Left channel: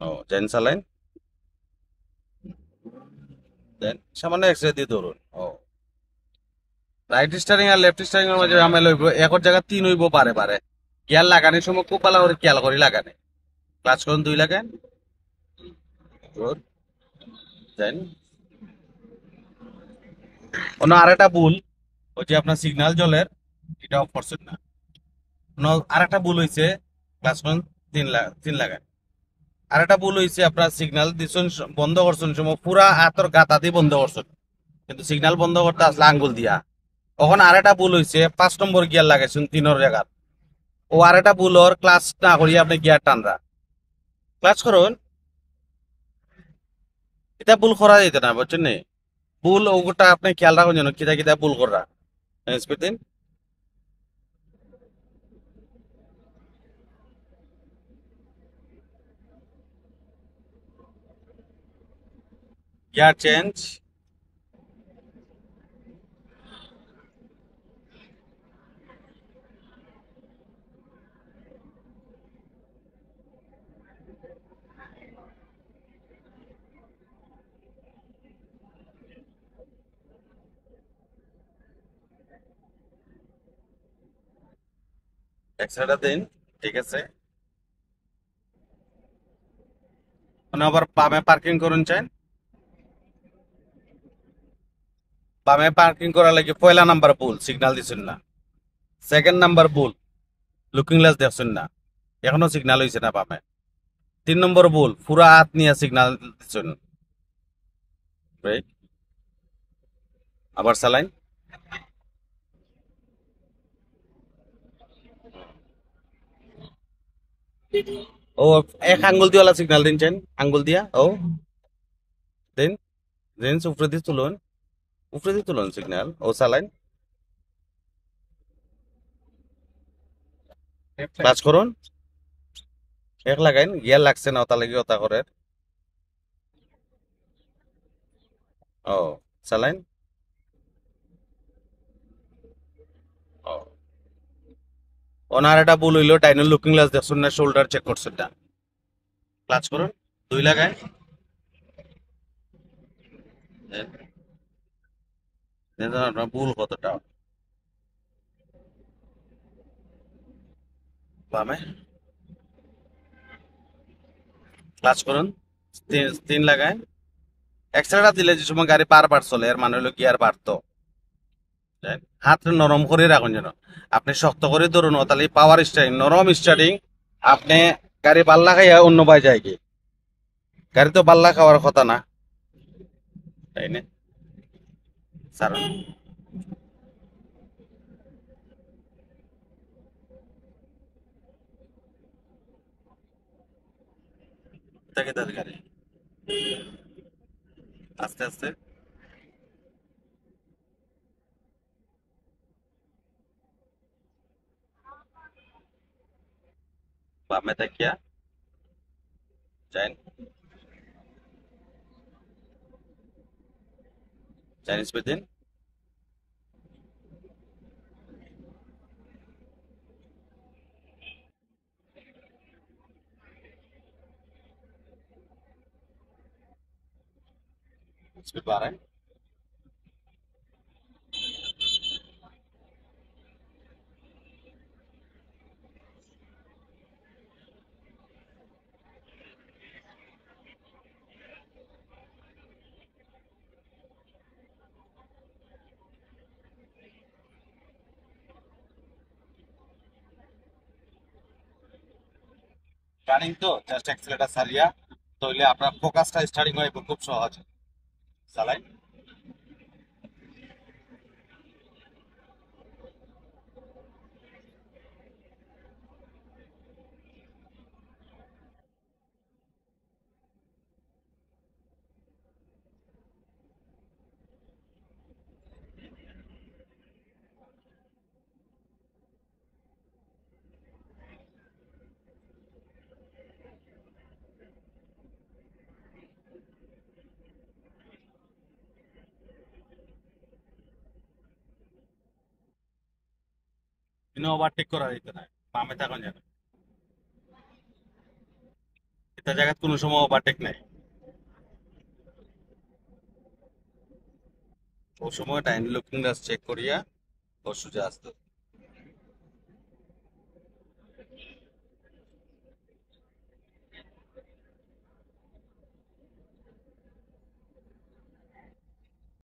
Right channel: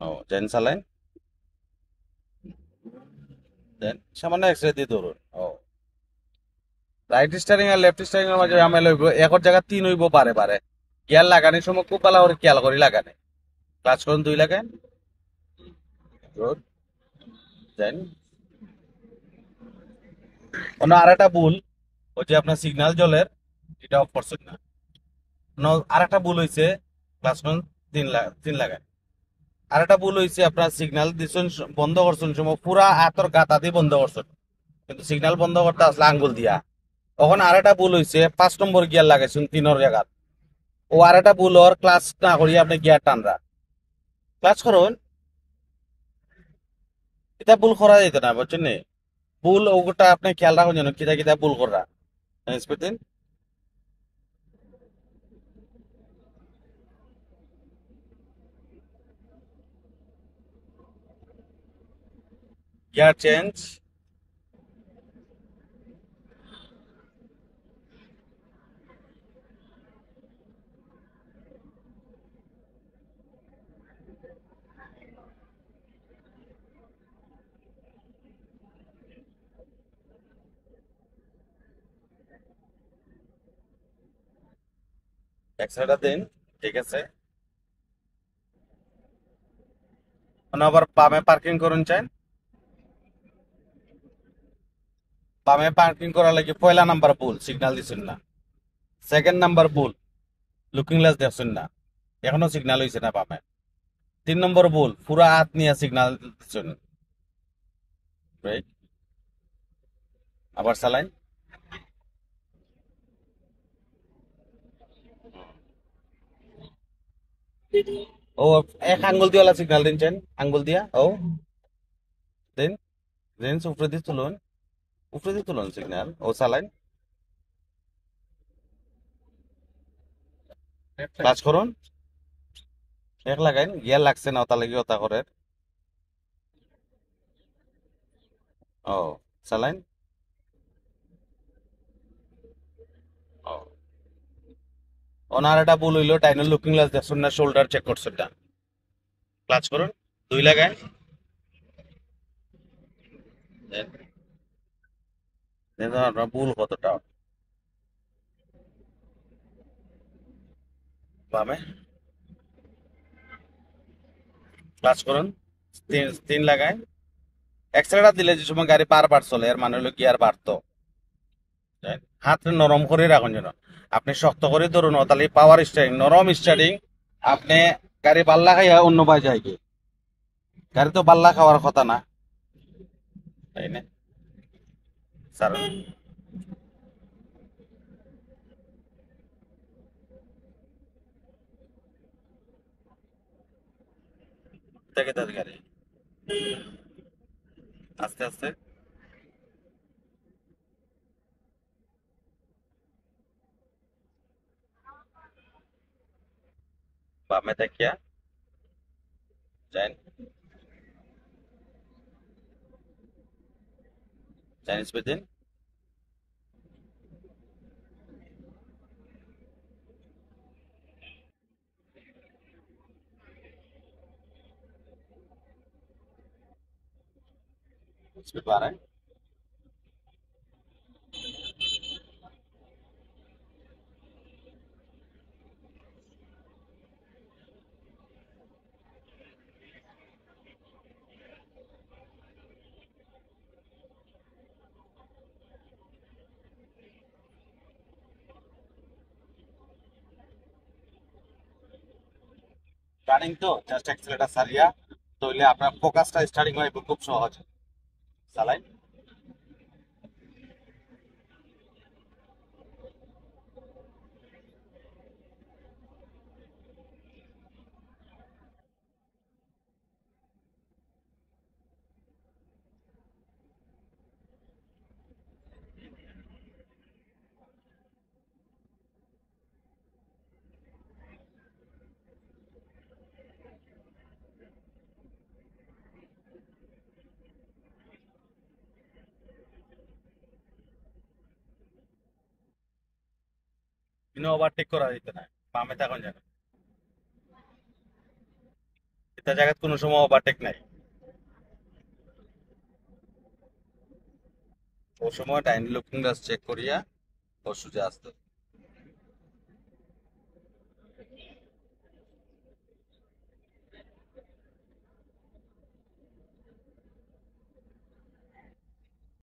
ও দেন চালাইন, দেন সামান্য এক্সরে দিয়ে ধরুন। ও রাইট স্টারিং আর লেফট স্টারিং এর মাঝে ঝামেলা হইব, একর জায়গা তিন হইব বারে বারে। গিয়ার লাগানোর সময় খুব ভালো করে খেয়াল করে লাগানে। ক্লাচ করুন দুই লাগান, গুড, দেন অন্য আরেকটা ভুল, ওই যে আপনার সিগন্যাল জলের এটা অফ করছেন না। আরেকটা ভুল হয়েছে, ক্লাচ করুন তিন লাগান। আরেকটা ভুল হয়েছে, আপনার সিগন্যাল দিচ্ছেন বন্ধ করছেন সময় পুরা হাতর গাতা দিয়ে বন্ধ করছেন, কিন্তু সিগন্যাল বন্ধ করতে আসলে আঙ্গুল দিয়া। ওখানে আরেকটা ভুল হয়েছে, 5 নম্বর গিয়ার লাগাইছেন তিনের জায়গা। ও আরেকটা ভুল ওর ক্লাচ না করিয়া আপনি গিয়ার টানরা। ক্লাচ করুন, এটা ভুল করা যেত না বুঝছেন নি। ভুল ওটা আপনি খেয়াল রাখুন যেন কিতা কিতা ভুল করা। স্পিড দিন, গিয়ার চেঞ্জ, এক্সট্রাটা দিন, ঠিক আছে। মানে আবার বামে পার্কিং করুন চান। বামে পার্কিং করার লাগে পয়লা নাম্বার ভুল, সিগন্যাল দিচ্ছেন না। সেকেন্ড নাম্বার ভুল, লুকিং গ্লাস দেখছেন না, এখনো সিগন্যাল হয়েছে না বামে। 3 নম্বর ভুল, পুরা হাত নিয়ে সিগন্যাল দিচ্ছেন। ব্রেক, আবার চালাইন। ও এক আঙ্গুল দিয়ে সিগন্যাল দিনছেন, আঙ্গুল দিয়া ও দিন, দিন উপরে দিয়ে তুলুন, উপরে দিয়ে তুলুন সিগন্যাল ও চালাইন। ক্লাচ করুন, এক লাগাইন, গিয়ার লাগছে না ওটা লাগি ওটা করে। ও চালাইন। ও ওনার একটা ভুল হইলো, ডাইনোর লুকিং গ্লাস দেখছেন না, শোল্ডার চেক করছেন না। ক্লাচ করুন, দুই লাগাইন, দেন দেন আপনার ভুল কতটা। বামে ক্লাচ করুন, তিন তিন লাগাইন। এক্সট্রাটা দিলে যে সময় গাড়ি বারবার চলে এর মানে হলো গিয়ার বাড়তো। হাত নরম করে রাখুন যেন, আপনি শক্ত করে ধরুন তাহলে পাওয়ার স্টারিং, নরম স্টারিং আপনি গাড়ি পাল্লা খাইয়া অন্য পাই যায় কি, গাড়ি তো পাল্লা খাওয়ার কথা না, তাই না স্যার। থেকে তার গাড়ি আস্তে আস্তে বামে তাকিয়া চাইন, চাইনিজ দিন, স্পিড বাড়ায়। স্টার্টিং তো জাস্ট অ্যাক্সিলারেটর সারিয়া তাহলে আপনার ফোকাসটা স্টার্টিং হয় খুব সহজ। চালাই, কিন্তু ওভারটেক করা যেত না, বামে থাকুন যেন। এটা জায়গায় কোনো সময় ওভারটেক নাই। ও সময় টাইম লুকিং গ্লাস চেক করিয়া ও সোজা আসতো।